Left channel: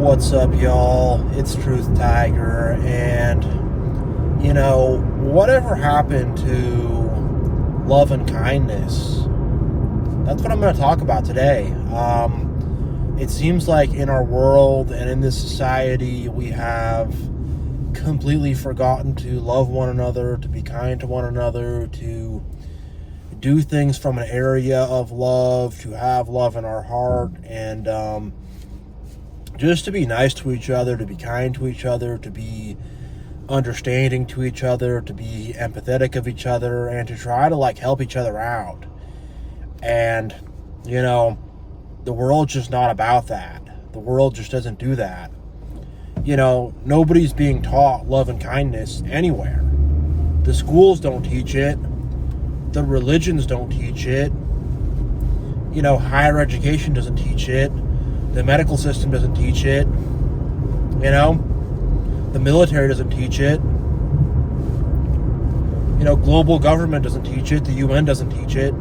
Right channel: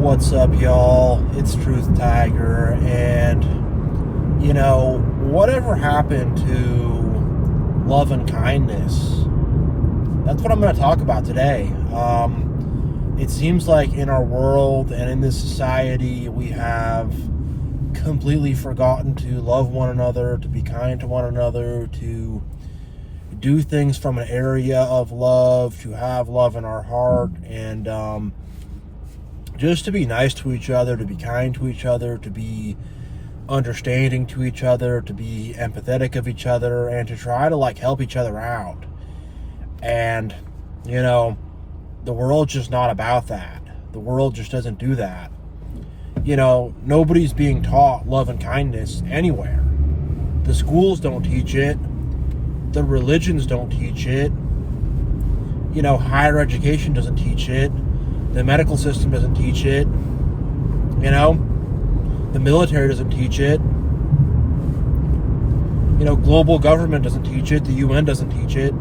What's up, y'all? It's Truth Tiger, and whatever happened to love and kindness? That's what I'm going to talk about today. It seems like in our world and in this society, we have completely forgotten to love one another, to be kind to one another, to do things from an area of love, to have love in our heart, and just to be nice to each other, to be kind to each other, to be understanding to each other, to be empathetic of each other, and to try to help each other out. And the world's just not about that. The world just doesn't do that. Nobody's being taught love and kindness anywhere. The schools don't teach it. The religions don't teach it. Higher education doesn't teach it. The medical system doesn't teach it. The military doesn't teach it. Global government doesn't teach it. The UN doesn't teach it.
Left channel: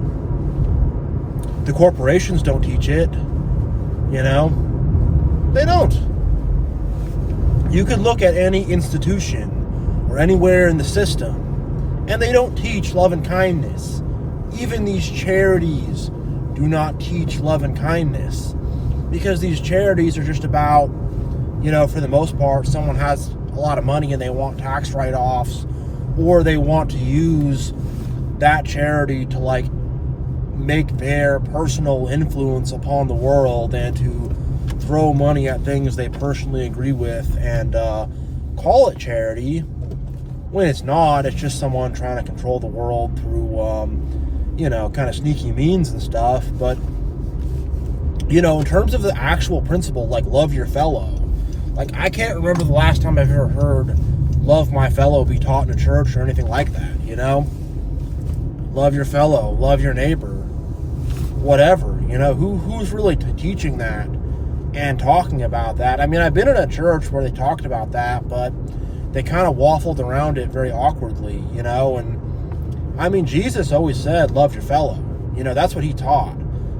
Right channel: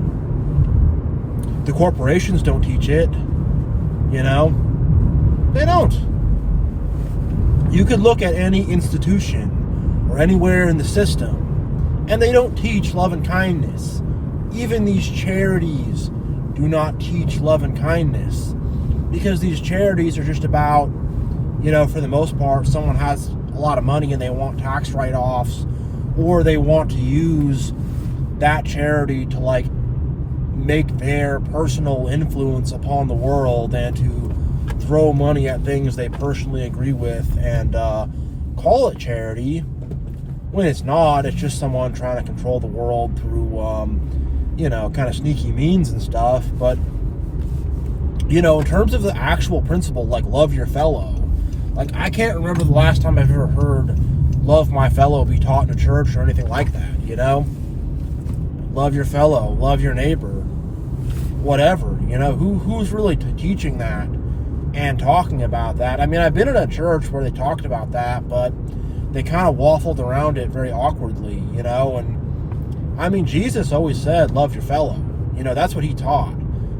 The corporations don't teach it. They don't. You could look at any institution or anywhere in the system, and they don't teach love and kindness. Even these charities do not teach love and kindness, because these charities are just about, for the most part, someone has a lot of money and they want tax write-offs, or they want to use that charity to make their personal influence upon the world and to throw money at things they personally agree with and call it charity, when it's not. It's just someone trying to control the world through kind of sneaky means and stuff. But in terms of the actual principle, love your fellow, I can't remember the last time I've ever heard love my fellow be taught in a church or anything like that. Love your fellow, love your neighbor, whatever. Who's really teaching that and talking about that? I mean, I've been in a church where they talked about that, but they kind of waffled around it very awkwardly, and I mean, Jesus always said love your fellow. That's what he taught.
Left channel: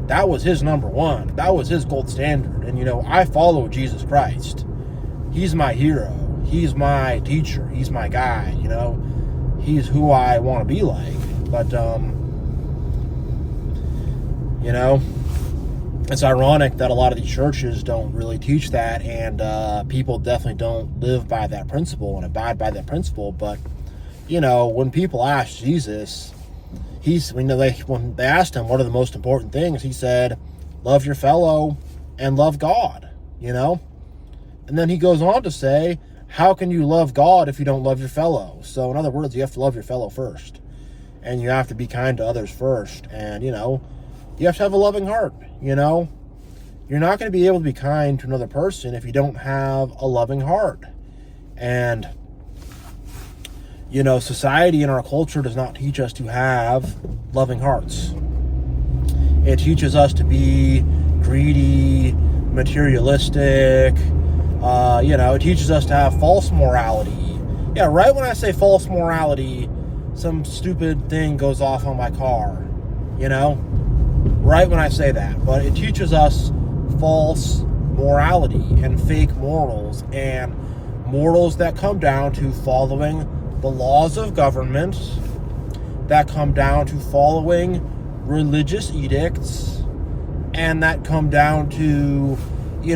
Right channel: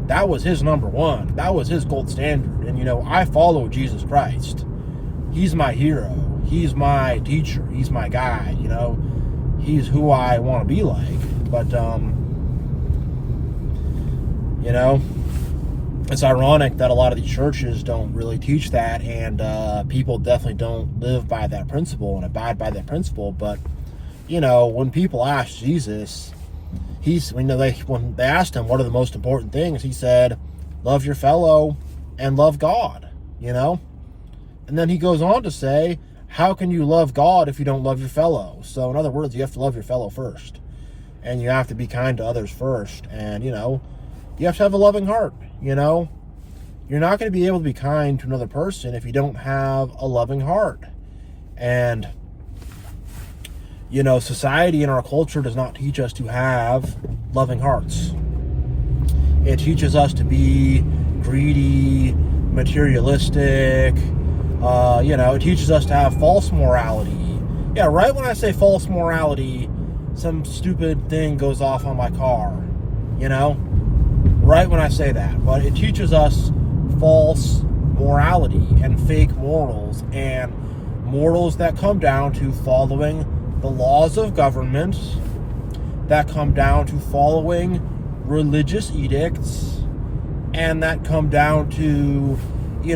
That was his number one. That was his gold standard. And I follow Jesus Christ. He's my hero. He's my teacher. He's my guide. He's who I want to be like. But it's ironic that a lot of these churches don't really teach that, and people definitely don't live by that principle and abide by that principle. But when people ask Jesus, when they asked him what are the most important things, he said, love your fellow and love God. And then he goes on to say, how can you love God if you don't love your fellow? So in other words, you have to love your fellow first, and you have to be kind to others first, and you have to have a loving heart. You're not going to be able to be kind to another person if you don't have a loving heart. And society and our culture does not teach us to have loving hearts. It teaches us to be greedy, materialistic. It teaches us to have false morality. Yeah, right when I say false morality, some stupid thing goes off on my car. Right when I say that. But it teaches us false morality and fake morals, and morals that come down to following the laws of government, that come down to following religious edicts, and that come down to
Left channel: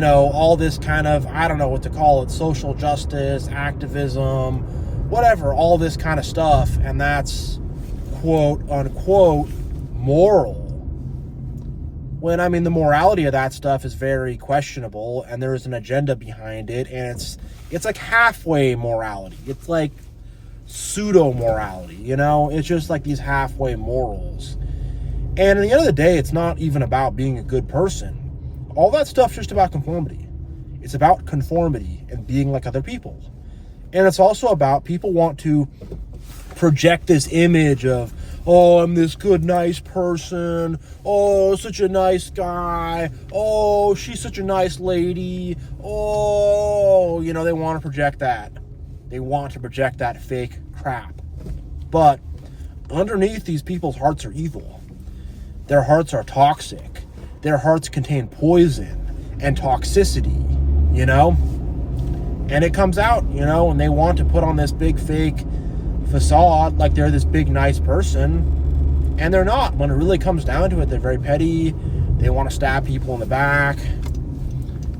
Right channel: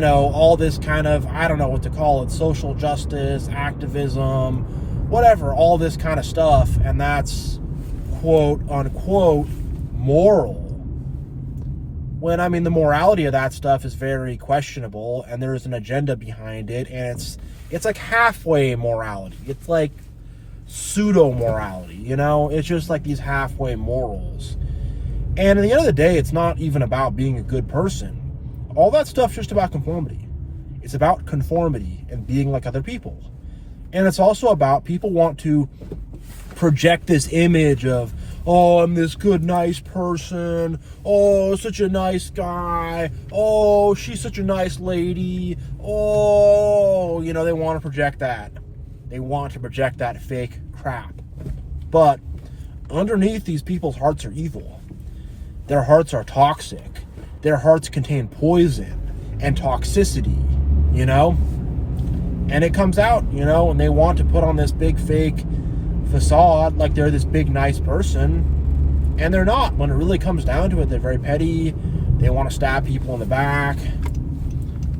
all this kind of, I don't know what to call it, social justice, activism, whatever, all this kind of stuff. And that's quote unquote moral, when I mean the morality of that stuff is very questionable, and there's an agenda behind it, and it's like halfway morality. It's like pseudo-morality, it's just like these halfway morals. And at the end of the day, it's not even about being a good person. All that stuff's just about conformity. It's about conformity and being like other people. And it's also about people want to project this image of, oh, I'm this good, nice person. Oh, such a nice guy. Oh, she's such a nice lady. Oh, they want to project that. They want to project that fake crap. But underneath, these people's hearts are evil. Their hearts are toxic. Their hearts contain poison and toxicity. you know? And it comes out, you know, and they want to put on this big fake facade like they're this big nice person, and they're not. When it really comes down to it, they're very petty. They want to stab people in the back,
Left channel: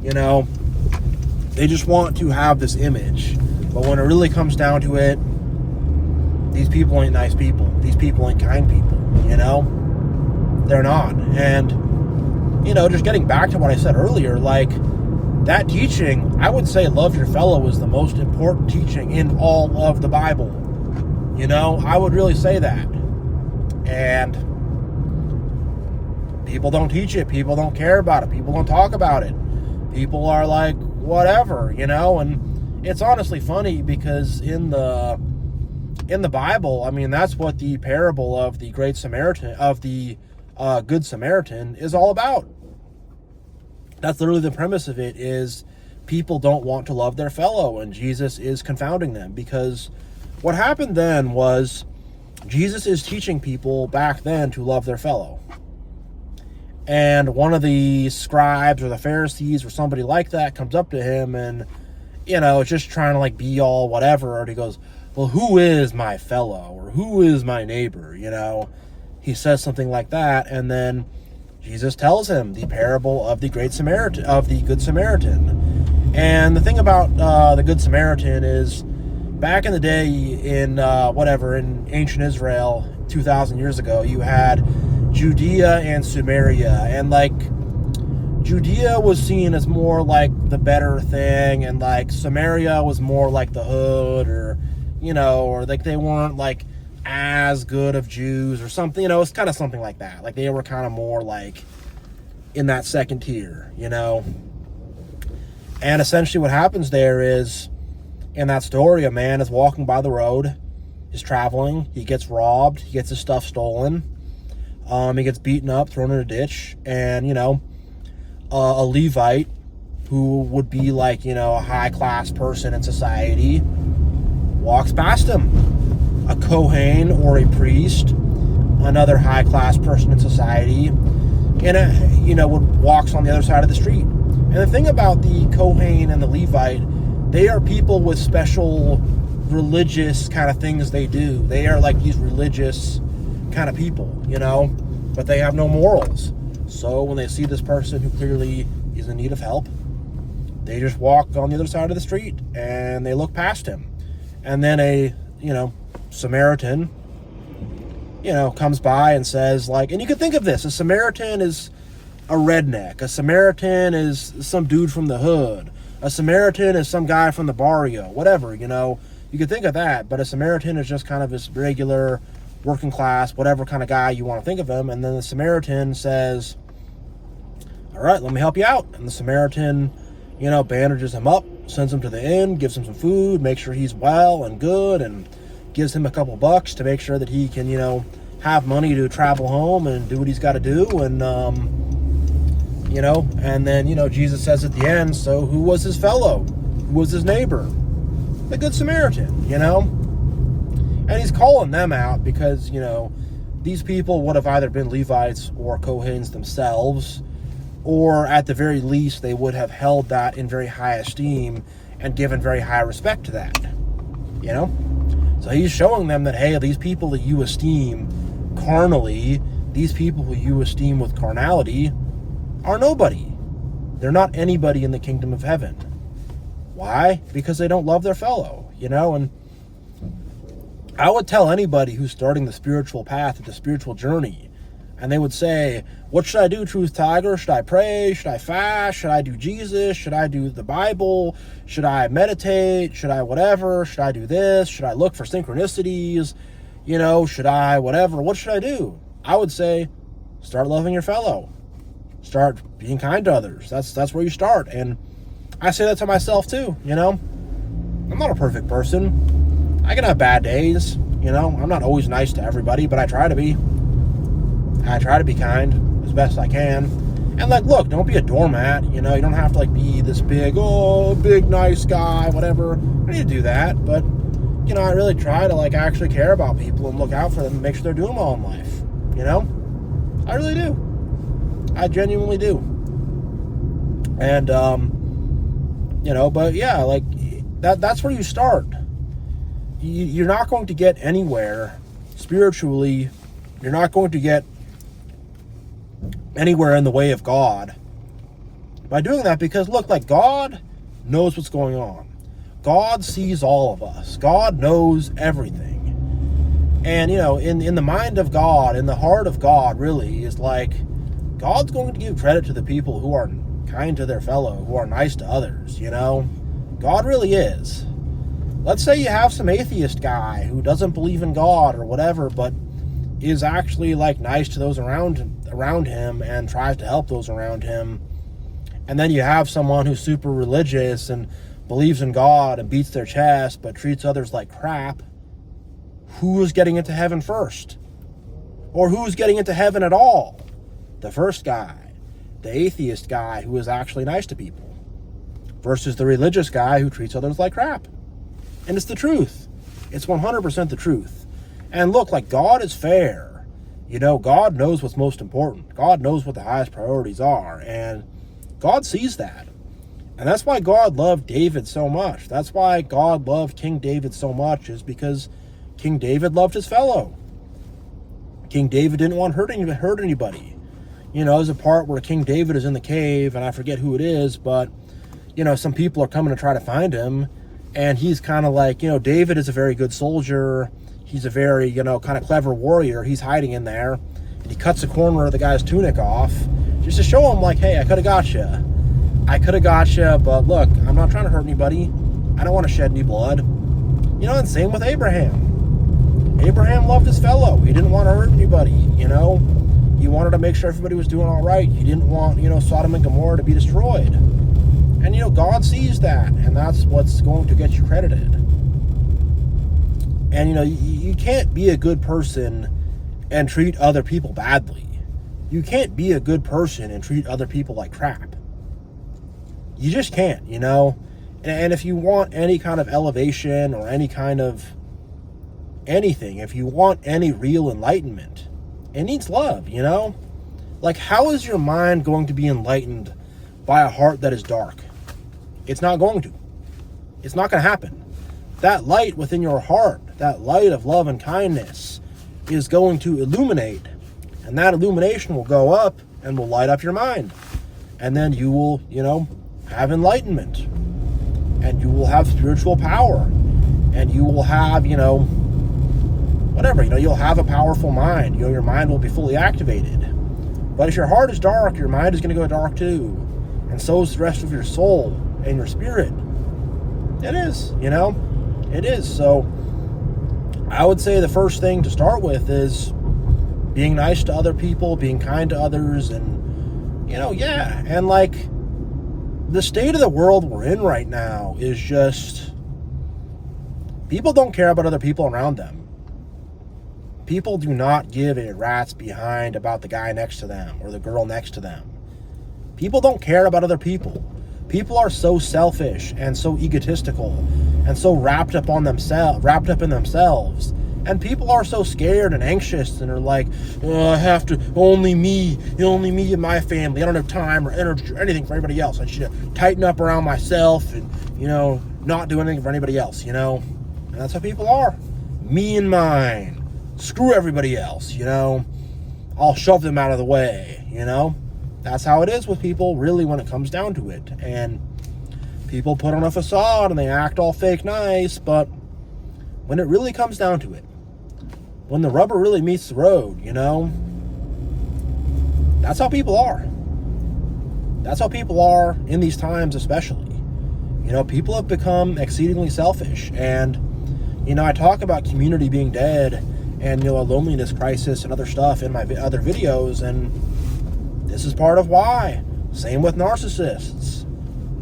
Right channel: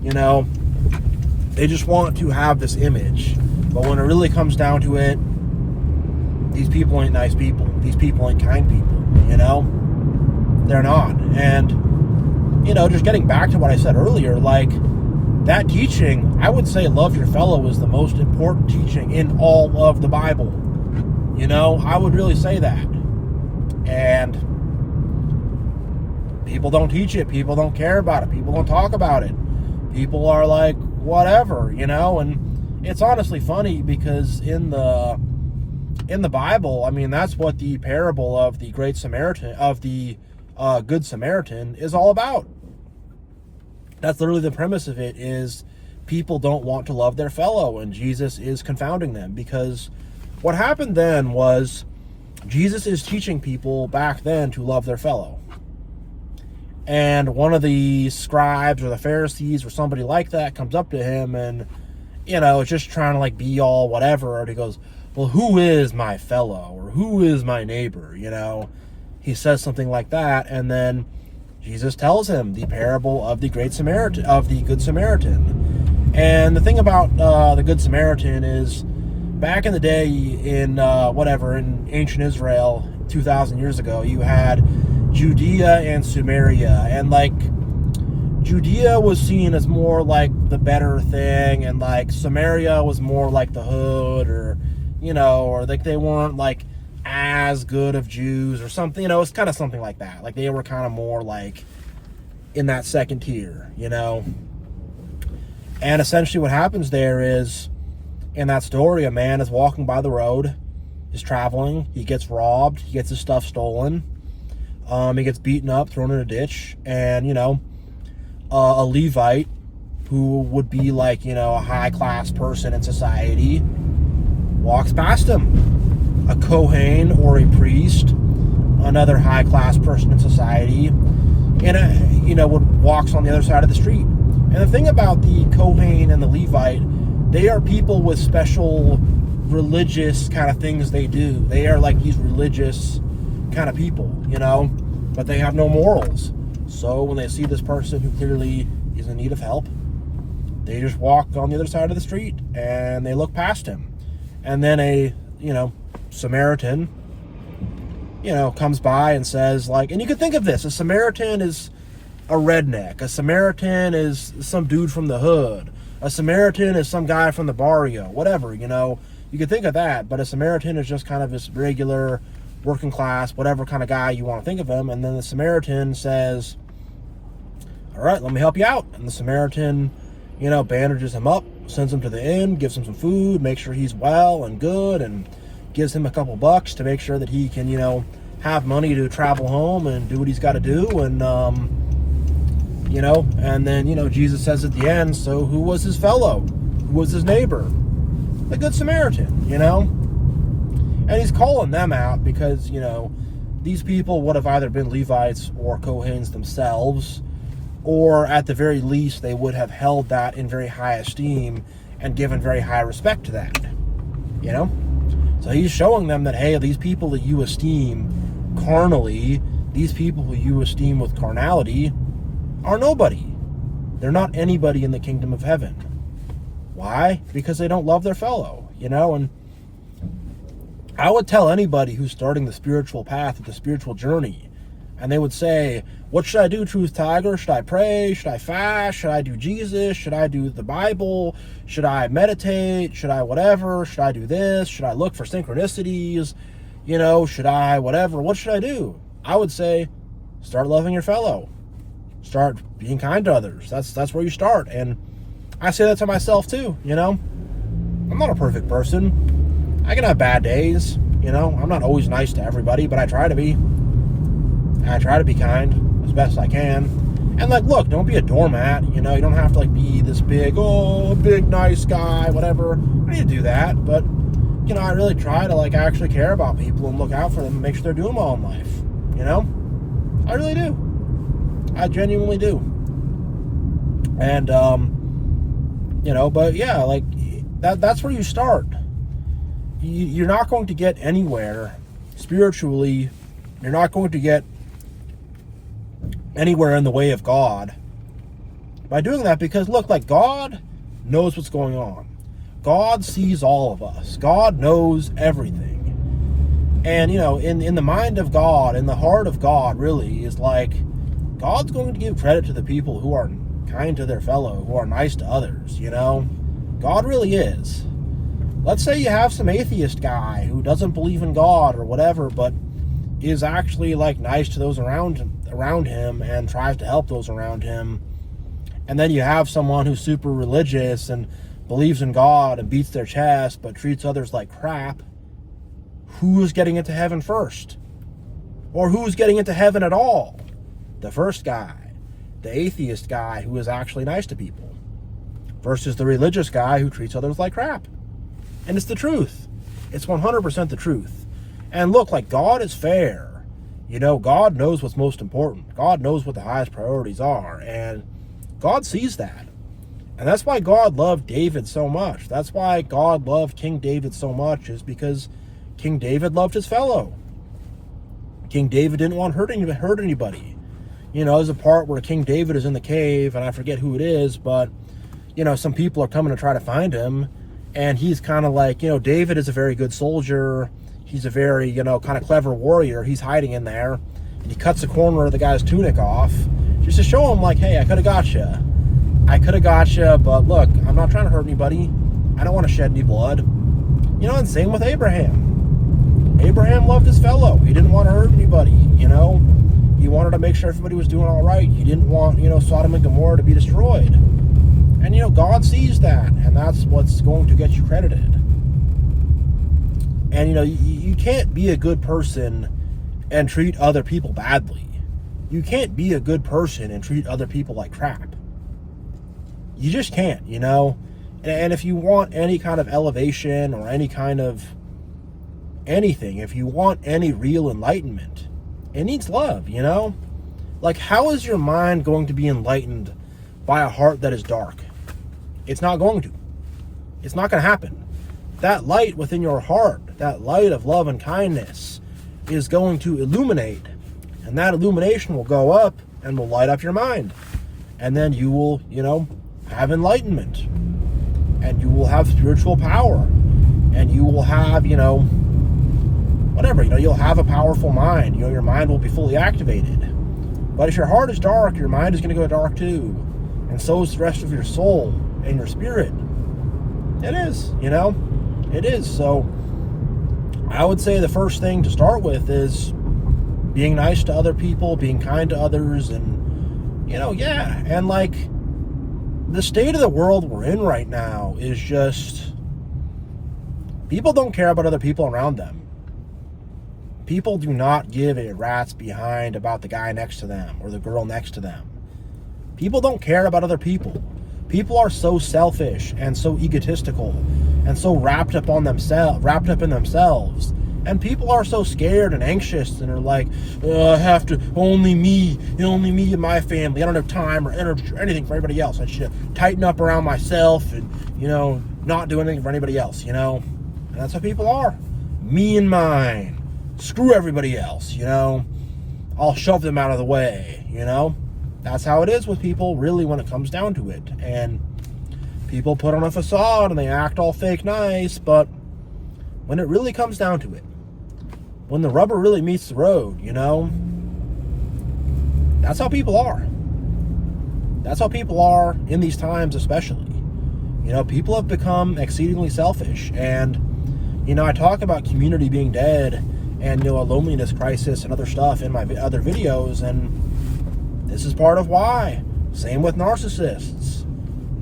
you know. They just want to have this image. But when it really comes down to it, these people ain't nice people. These people ain't kind people, you know? They're not. And, you know, just getting back to what I said earlier, like, that teaching, I would say love your fellow is the most important teaching in all of the Bible. You know, I would really say that. And people don't teach it. People don't care about it. People don't talk about it. People are like, whatever, you know? And it's honestly funny because in the Bible, I mean, that's what the parable of the Great Samaritan, of the Good Samaritan is all about. That's literally the premise of it, is people don't want to love their fellow, and Jesus is confounding them, because what happened then was Jesus is teaching people back then to love their fellow. And one of the scribes or the Pharisees or somebody like that comes up to him and, you know, is just trying to like be all whatever, and he goes, well, who is my fellow, or who is my neighbor, you know? He says something like that, and then Jesus tells him the parable of the Good Samaritan. And the thing about the Good Samaritan is, back in the day, in ancient Israel, 2,000 years ago, you had Judea and Samaria, and like Judea was seen as more like the better thing, and like Samaria was more like the hood, or, you know, or like they weren't like as good of Jews or something, you know. It's kind of something like that. Like they were kind of more like in that second tier, you know. And essentially what happens there is, in that story, a man is walking by the road, is traveling, he gets robbed, he gets his stuff stolen, he gets beaten up, thrown in a ditch, and, you know, a Levite, who would be like, you know, a high-class person in society, walks past him. A Kohen or a priest, another high-class person in society, and walks on the other side of the street. And the thing about the Kohen and the Levite, they are people with special religious kind of things they do. They are like these religious kind of people, you know, but they have no morals. So when they see this person who clearly is in need of help, they just walk on the other side of the street and they look past him. And then a, you know, Samaritan, you know, comes by and says, like, and you could think of this, a Samaritan is a redneck, a Samaritan is some dude from the hood, a Samaritan is some guy from the barrio, whatever, you know, you could think of that. But a Samaritan is just kind of this regular working class, whatever kind of guy you want to think of him. And then the Samaritan says, all right, let me help you out. And the Samaritan, you know, bandages him up, sends him to the inn, gives him some food, makes sure he's well and good, and gives him a couple bucks to make sure that he can, you know, have money to travel home and do what he's got to do. And, you know, and then, you know, Jesus says at the end, so who was his fellow? Who was his neighbor? The Good Samaritan, you know? And he's calling them out because, you know, these people would have either been Levites or Kohens themselves, or at the very least, they would have held that in very high esteem and given very high respect to that, you know? So he's showing them that, hey, these people that you esteem carnally, these people who you esteem with carnality, are nobody. They're not anybody in the kingdom of heaven. Why? Because they don't love their fellow, you know? And I would tell anybody who's starting the spiritual path, the spiritual journey, and they would say, what should I do, Truth Tiger? Should I pray? Should I fast? Should I do Jesus? Should I do the Bible? Should I meditate? Should I whatever? Should I do this? Should I look for synchronicities? You know, should I whatever? What should I do? I would say, start loving your fellow. Start being kind to others. That's where you start. And I say that to myself too, you know. I'm not a perfect person. I can have bad days, you know. I'm not always nice to everybody, but I try to be. I try to be kind as best I can. And, like, look, don't be a doormat, you know. You don't have to, like, be this big, big nice guy, whatever. I need to do that. But, you know, I really try to, like, actually care about people and look out for them and make sure they're doing well in life, you know. I really do. I genuinely do. And, But yeah, like that's where you start. You're not going to get anywhere spiritually. You're not going to get anywhere in the way of God by doing that, because look, like, God knows what's going on. God sees all of us. God knows everything. And, in the mind of God, in the heart of God, really, is like, God's going to give credit to the people who are kind to their fellow, who are nice to others, God really is. Let's say you have some atheist guy who doesn't believe in God or whatever, but is actually, like, nice to those around him and tries to help those around him. And then you have someone who's super religious and believes in God and beats their chest but treats others like crap. Who's getting into heaven first? Or who's getting into heaven at all? The first guy, the atheist guy who is actually nice to people, versus the religious guy who treats others like crap. And it's the truth. It's 100% the truth. And look, like, God is fair. God knows what's most important. God knows what the highest priorities are. And God sees that. And that's why God loved David so much. That's why God loved King David so much, is because King David loved his fellow. King David didn't want to hurt anybody. There's a part where King David is in the cave, and I forget who it is, but, some people are coming to try to find him. And he's kind of like, David is a very good soldier. He's a very, kind of clever warrior. He's hiding in there. And he cuts a corner of the guy's tunic off just to show him, like, hey, I could have got you. But look, I'm not trying to hurt anybody. I don't want to shed any blood. And same with Abraham. Abraham loved his fellow. He didn't want to hurt anybody, He wanted to make sure everybody was doing all right. He didn't want, Sodom and Gomorrah to be destroyed. And, God sees that, and that's what's going to get you credited. And, you can't be a good person and treat other people badly. You can't be a good person and treat other people like crap. You just can't, And if you want any kind of elevation or any kind of anything, if you want any real enlightenment, it needs love, Like, how is your mind going to be enlightened by a heart that is dark? It's not going to. It's not going to happen. That light within your heart, that light of love and kindness, is going to illuminate. And that illumination will go up and will light up your mind. And then you will, have enlightenment. And you will have spiritual power. And you will have, whatever, you'll have a powerful mind. Your mind will be fully activated. But if your heart is dark, your mind is going to go dark too. And so is the rest of your soul and your spirit. It is, It is. So I would say the first thing to start with is being nice to other people, being kind to others, and, and like, the state of the world we're in right now is just, people don't care about other people around them. People do not give a rat's behind about the guy next to them or the girl next to them. People don't care about other people. People are so selfish and so egotistical and so wrapped up in themselves. And people are so scared and anxious and are like, I have to, only me and my family. I don't have time or energy or anything for anybody else. I should tighten up around myself and, not do anything for anybody else, And that's how people are. Me and mine. Screw everybody else, I'll shove them out of the way, That's how it is with people, really, when it comes down to it. And people put on a facade and they act all fake nice, but when it really comes down to it, when the rubber really meets the road, that's how people are. That's how people are in these times, especially. People have become exceedingly selfish. And, I talk about community being dead and, a loneliness crisis and other stuff in my other videos, and this is part of why. Same with narcissists.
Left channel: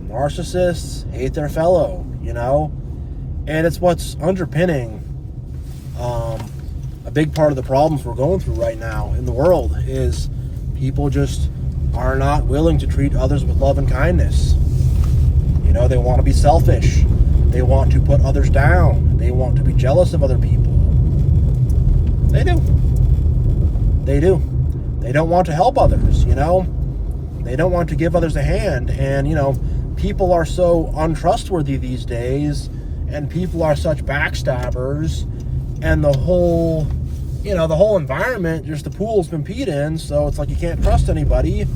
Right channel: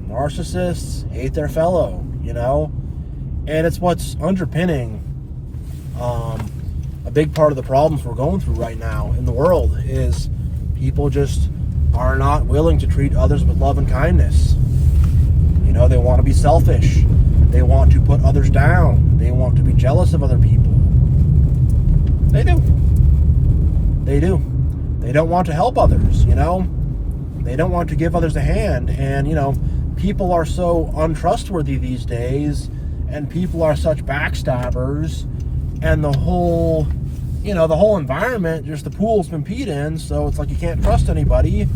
Narcissists hate their fellow, And it's what's underpinning a big part of the problems we're going through right now in the world is people just are not willing to treat others with love and kindness. They want to be selfish. They want to put others down. They want to be jealous of other people. They do. They do. They don't want to help others, They don't want to give others a hand. And, people are so untrustworthy these days, and people are such backstabbers, and the whole environment, just the pool's been peed in, so it's like you can't trust anybody.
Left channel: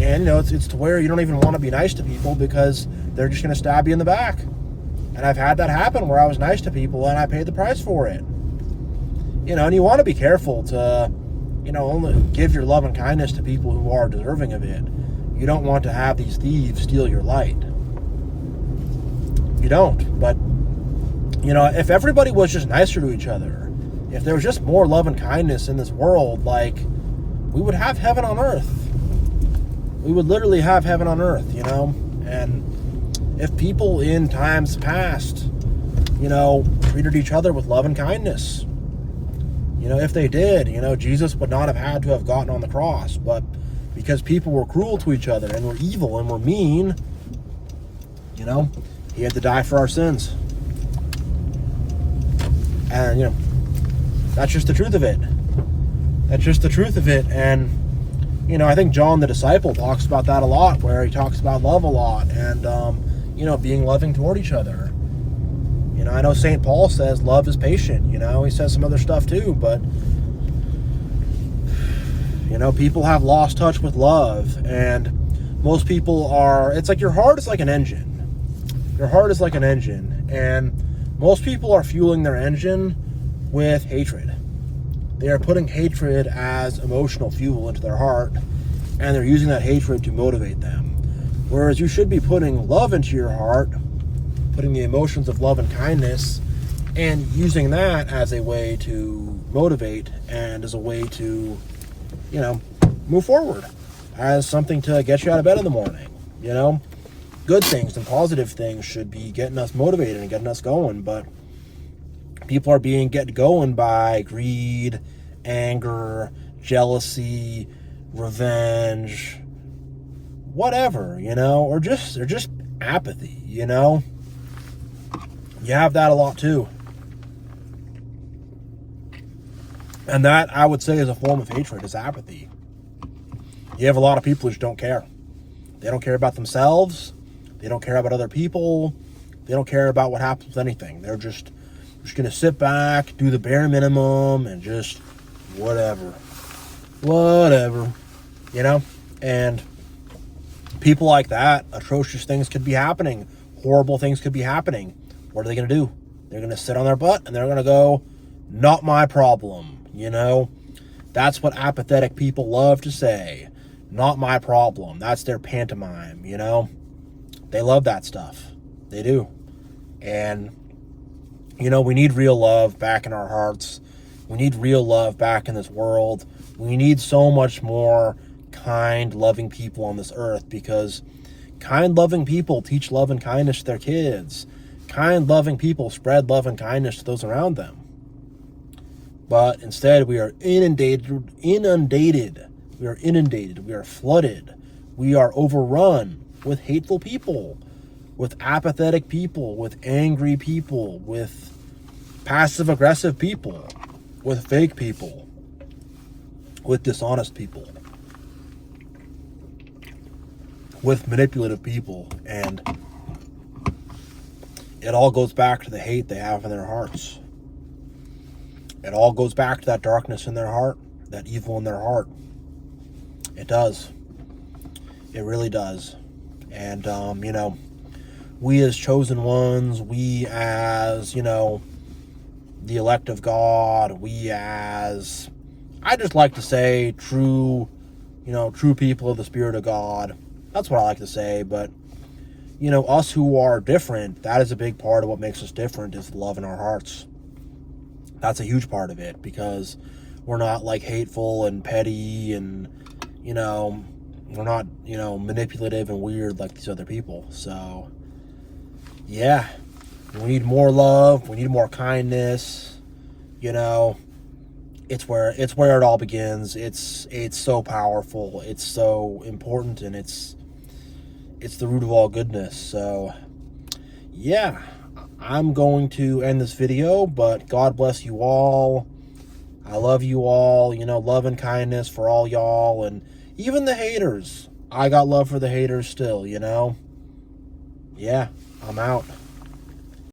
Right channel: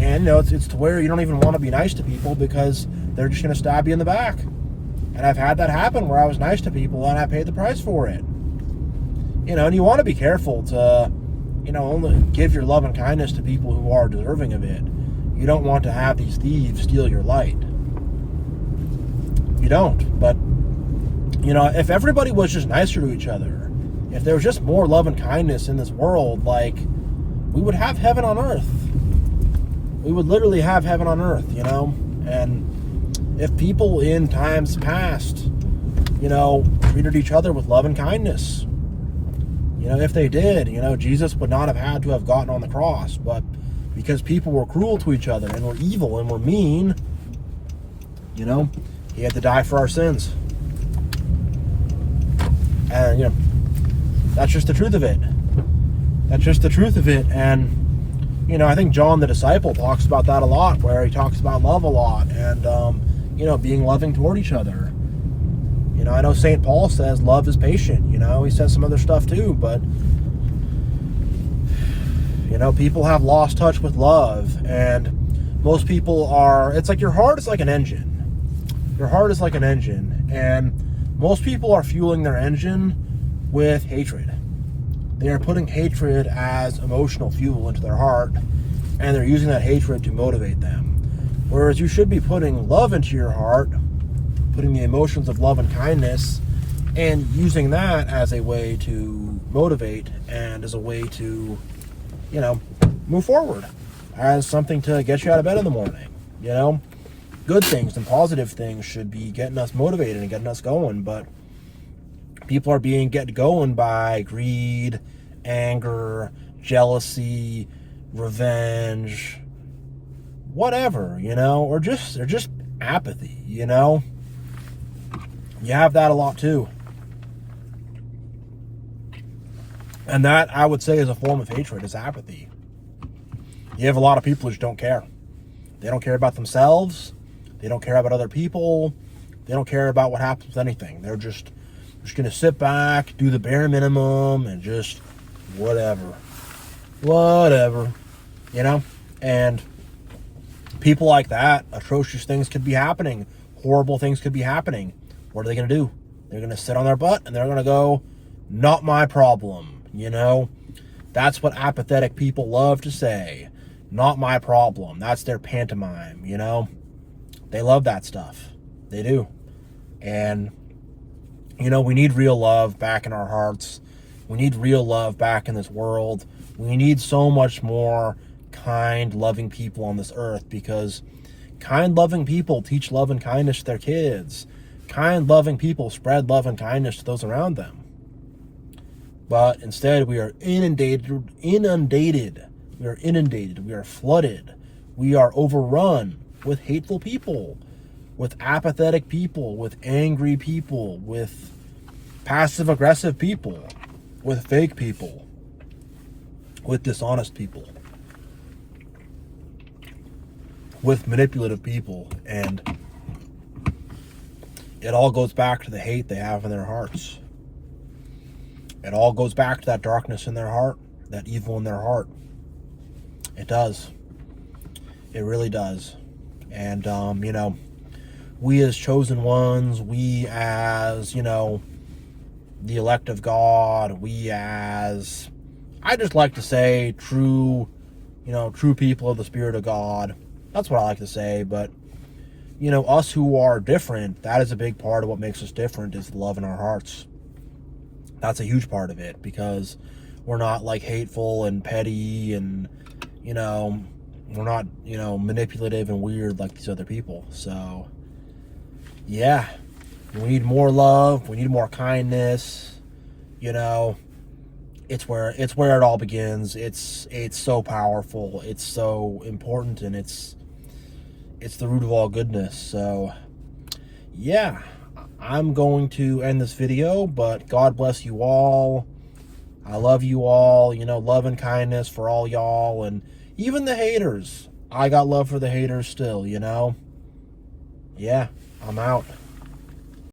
And it's to where you don't even want to be nice to people because they're just going to stab you in the back. And I've had that happen where I was nice to people and I paid the price for it. And you want to be careful to, only give your love and kindness to people who are deserving of it. You don't want to have these thieves steal your light. You don't. But, if everybody was just nicer to each other, if there was just more love and kindness in this world, we would have heaven on earth. We would literally have heaven on earth, And if people in times past, treated each other with love and kindness, if they did, Jesus would not have had to have gotten on the cross. But because people were cruel to each other and were evil and were mean, he had to die for our sins. And, that's just the truth of it. That's just the truth of it. And, I think John the disciple talks about that a lot, where he talks about love a lot and, being loving toward each other. I know St. Paul says love is patient. He says some other stuff too, but, people have lost touch with love, and most people it's like your heart is like an engine. Your heart is like an engine, and most people are fueling their engine with hatred. They are putting hatred as emotional fuel into their heart, and they're using that hatred to motivate them. Whereas you should be putting love into your heart, putting the emotions of love and kindness, and using that as a way to motivate and as a way to, move forward, as something to get you out of bed in the morning. Good things and positive things should be getting us motivated and getting us going, but people are being get going by greed, anger, jealousy, revenge, whatever, or just apathy, You have that a lot too. And that, I would say, is a form of hatred, is apathy. You have a lot of people who just don't care. They don't care about themselves. They don't care about other people. They don't care about what happens with anything. They're just going to sit back, do the bare minimum, and just whatever. And people like that, atrocious things could be happening. Horrible things could be happening. What are they going to do? They're going to sit on their butt and they're going to go, not my problem. That's what apathetic people love to say. Not my problem. That's their pantomime, They love that stuff. They do. And, we need real love back in our hearts. We need real love back in this world. We need so much more kind, loving people on this earth, because kind, loving people teach love and kindness to their kids. Kind, loving people spread love and kindness to those around them. But instead, we are inundated. We are inundated. We are flooded. We are overrun with hateful people, with apathetic people, with angry people, with passive-aggressive people, with fake people, with dishonest people, with manipulative people. And it all goes back to the hate they have in their hearts. It all goes back to that darkness in their heart, that evil in their heart. It does. It really does. And, we as chosen ones, we as, the elect of God, we as, I just like to say, true people of the Spirit of God. That's what I like to say. But, us who are different, that is a big part of what makes us different, is the love in our hearts. That's a huge part of it, because we're not hateful and petty and, we're not, manipulative and weird like these other people. So, yeah, we need more love. We need more kindness. It's where it all begins. It's so powerful. It's so important, and it's the root of all goodness. So, yeah. I'm going to end this video, but God bless you all. I love you all. Love and kindness for all y'all, and even the haters. I got love for the haters still, Yeah, I'm out.